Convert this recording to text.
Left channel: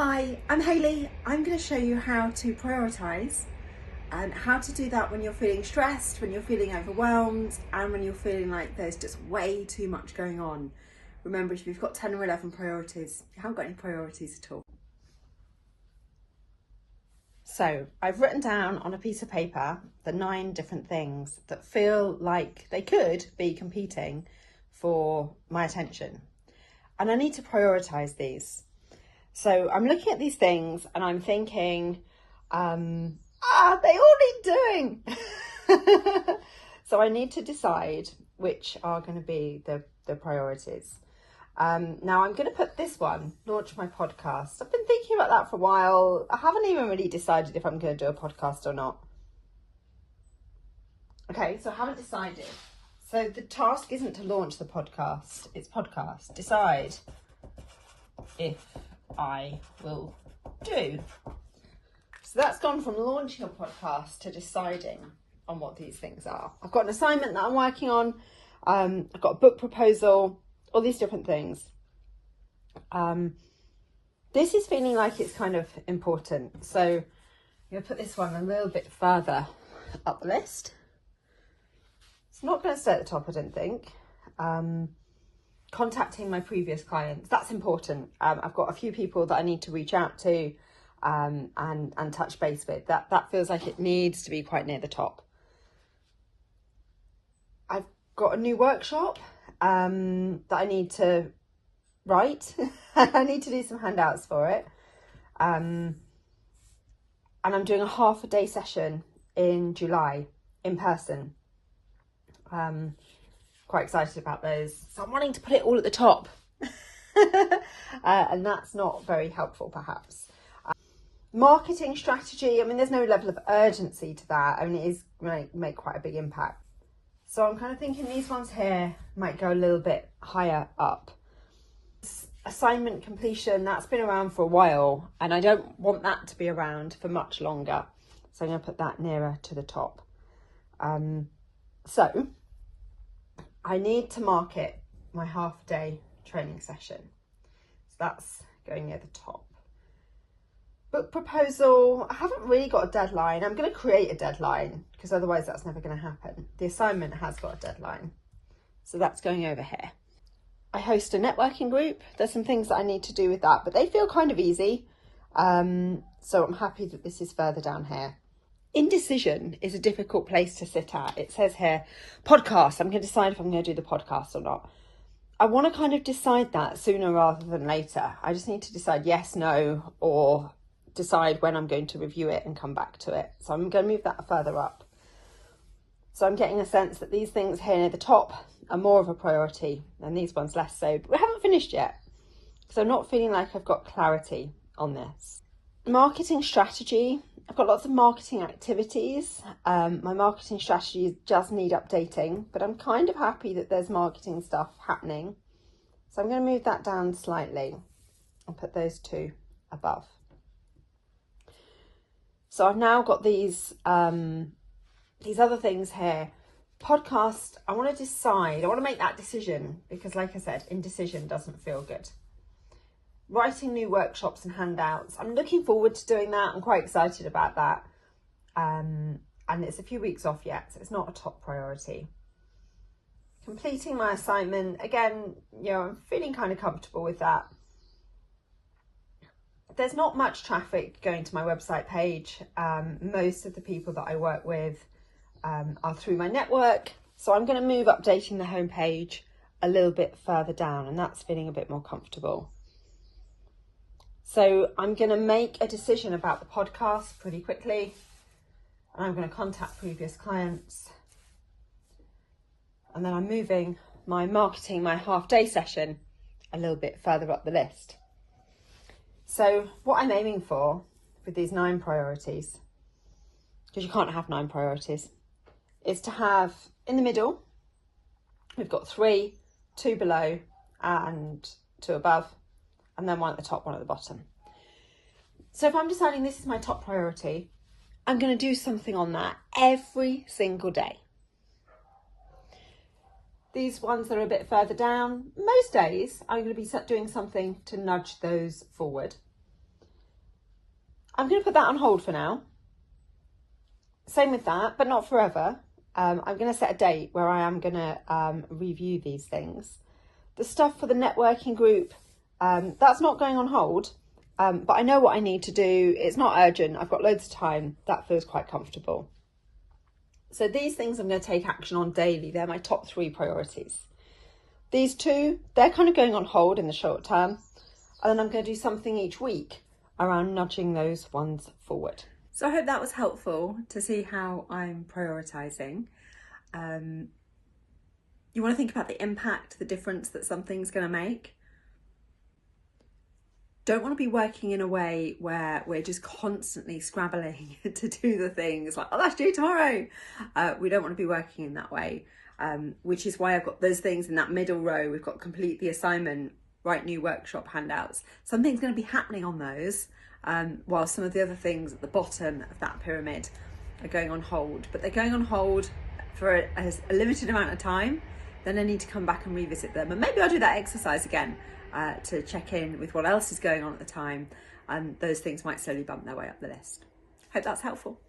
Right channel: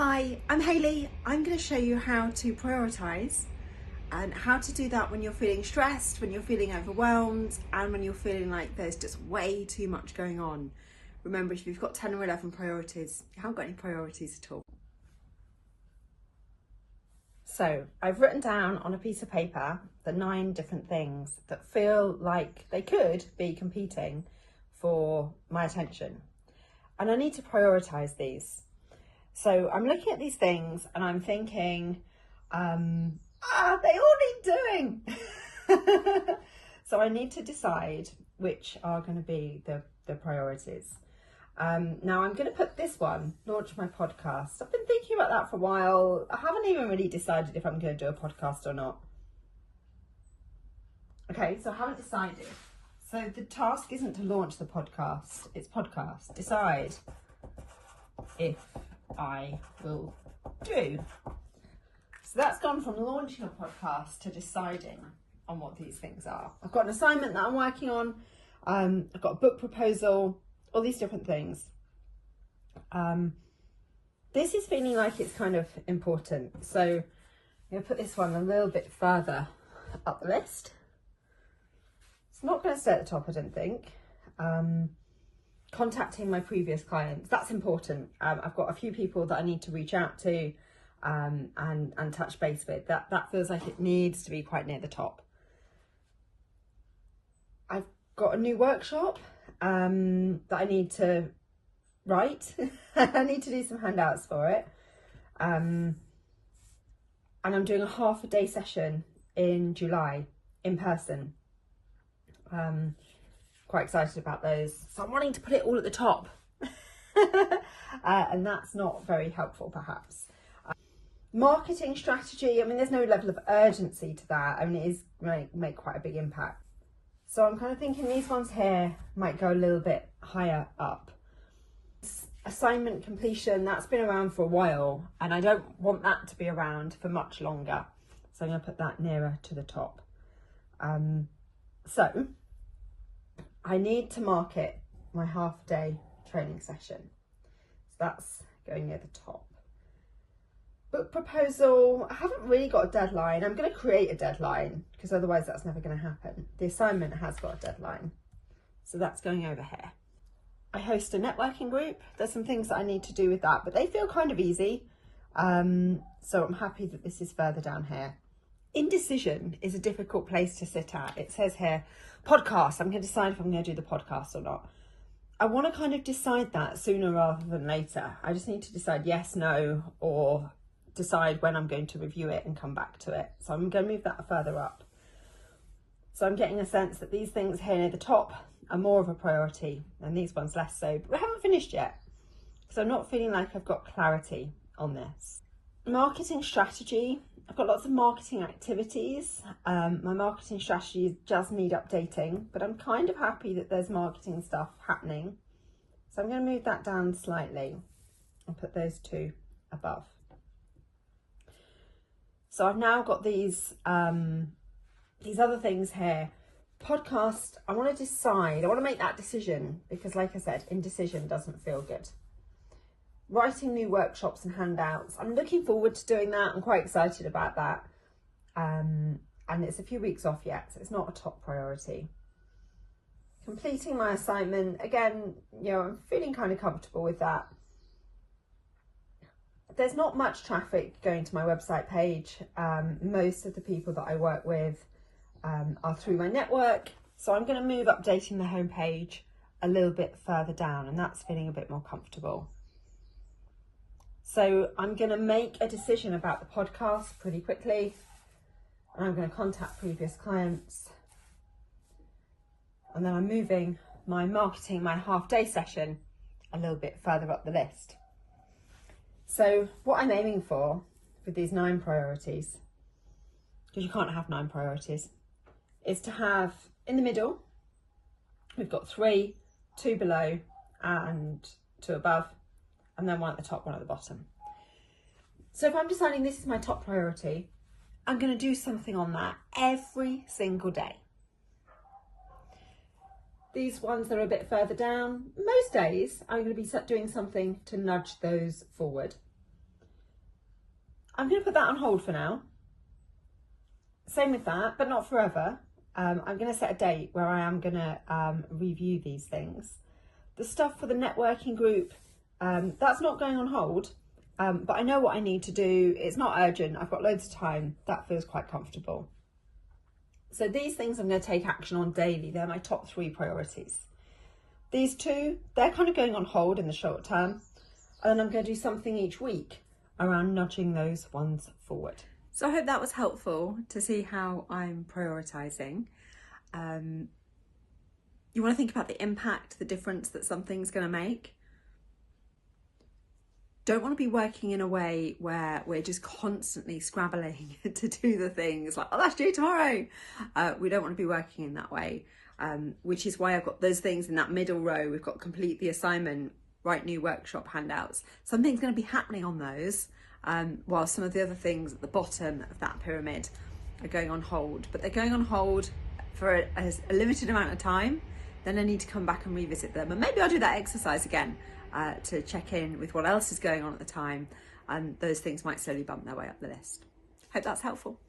Hi, I'm Hayley. I'm going to show you how to prioritise and how to do that when you're feeling stressed, when you're feeling overwhelmed, and when you're feeling like there's just way too much going on. Remember, if you've got 10 or 11 priorities, you haven't got any priorities at all. So I've written down on a piece of paper the 9 different things that feel like they could be competing for my attention. And I need to prioritise these. So I'm looking at these things and I'm thinking, they all need doing. So I need to decide which are going to be the priorities. Now I'm going to put this one, launch my podcast. I've been thinking about that for a while. I haven't even really decided if I'm going to do a podcast or not. Okay, so I haven't decided. So the task isn't to launch the podcast, it's podcast. Decide if I will do. So that's gone from launching a podcast to deciding on what these things are. I've got an assignment that I'm working on. I've got a book proposal, all these different things. This is feeling like it's kind of important. So I'm going to put this one a little bit further up the list. It's not going to stay at the top, I don't think. Contacting my previous clients, that's important. I've got a few people that I need to reach out to and touch base with. That feels like it needs to be quite near the top. I've got a new workshop that I need to write. I need to do some handouts for it. And I'm doing a half-a-day session in July in person. Quite excited about those. So I'm wanting to put it all at the top. And that's not very helpful, perhaps. Marketing strategy, I mean, there's no level of urgency to that. I mean, it is going to make quite a big impact. So I'm kind of thinking these ones here might go a little bit higher up. Assignment completion, that's been around for a while, and I don't want that to be around for much longer. So I'm going to put that nearer to the top. So I need to market my half-day training session. So that's going near the top. Book proposal, I haven't really got a deadline. I'm going to create a deadline because otherwise that's never going to happen. The assignment has got a deadline. So that's going over here. I host a networking group. There's some things that I need to do with that, but they feel kind of easy. So I'm happy that this is further down here. Indecision is a difficult place to sit at. It says here, podcast. I'm going to decide if I'm going to do the podcast or not. I want to kind of decide that sooner rather than later. I just need to decide yes, no, or decide when I'm going to review it and come back to it. So I'm going to move that further up. So I'm getting a sense that these things here near the top are more of a priority and these ones less so. But we haven't finished yet. So I'm not feeling like I've got clarity on this. Marketing strategy. I've got lots of marketing activities. My marketing strategy does need updating, but I'm kind of happy that there's marketing stuff happening. So I'm going to move that down slightly and put those 2 above. So I've now got these other things here. Podcast, I want to decide, I want to make that decision because like I said, indecision doesn't feel good. Writing new workshops and handouts. I'm looking forward to doing that. I'm quite excited about that. And it's a few weeks off yet, so it's not a top priority. Completing my assignment. Again, you know, I'm feeling kind of comfortable with that. There's not much traffic going to my website page. Most of the people that I work with are through my network. So I'm going to move updating the homepage a little bit further down, and that's feeling a bit more comfortable. So I'm going to make a decision about the podcast pretty quickly. And I'm going to contact previous clients. And then I'm moving my marketing, my half-day session a little bit further up the list. So what I'm aiming for with these 9 priorities, because you can't have 9 priorities, is to have in the middle, we've got 3, 2 below and 2 above, and then 1 at the top, 1 at the bottom. So if I'm deciding this is my top priority, I'm going to do something on that every single day. These ones that are a bit further down, most days I'm going to be doing something to nudge those forward. I'm going to put that on hold for now. Same with that, but not forever. I'm going to set a date where I am going to review these things. The stuff for the networking group, that's not going on hold, but I know what I need to do. It's not urgent. I've got loads of time. That feels quite comfortable. So these things I'm going to take action on daily. They're my top 3 priorities. These 2, they're kind of going on hold in the short term. And then I'm going to do something each week around nudging those ones forward. So I hope that was helpful to see how I'm prioritising. You want to think about the impact, the difference that something's going to make. Don't want to be working in a way where we're just constantly scrabbling to do the things like, oh, that's due tomorrow. We don't want to be working in that way, which is why I've got those things in that middle row. We've got complete the assignment, write new workshop handouts. Something's going to be happening on those, while some of the other things at the bottom of that pyramid are going on hold. But they're going on hold for a limited amount of time. Then I need to come back and revisit them. And maybe I'll do that exercise again to check in with what else is going on at the time. And those things might slowly bump their way up the list. Hope that's helpful.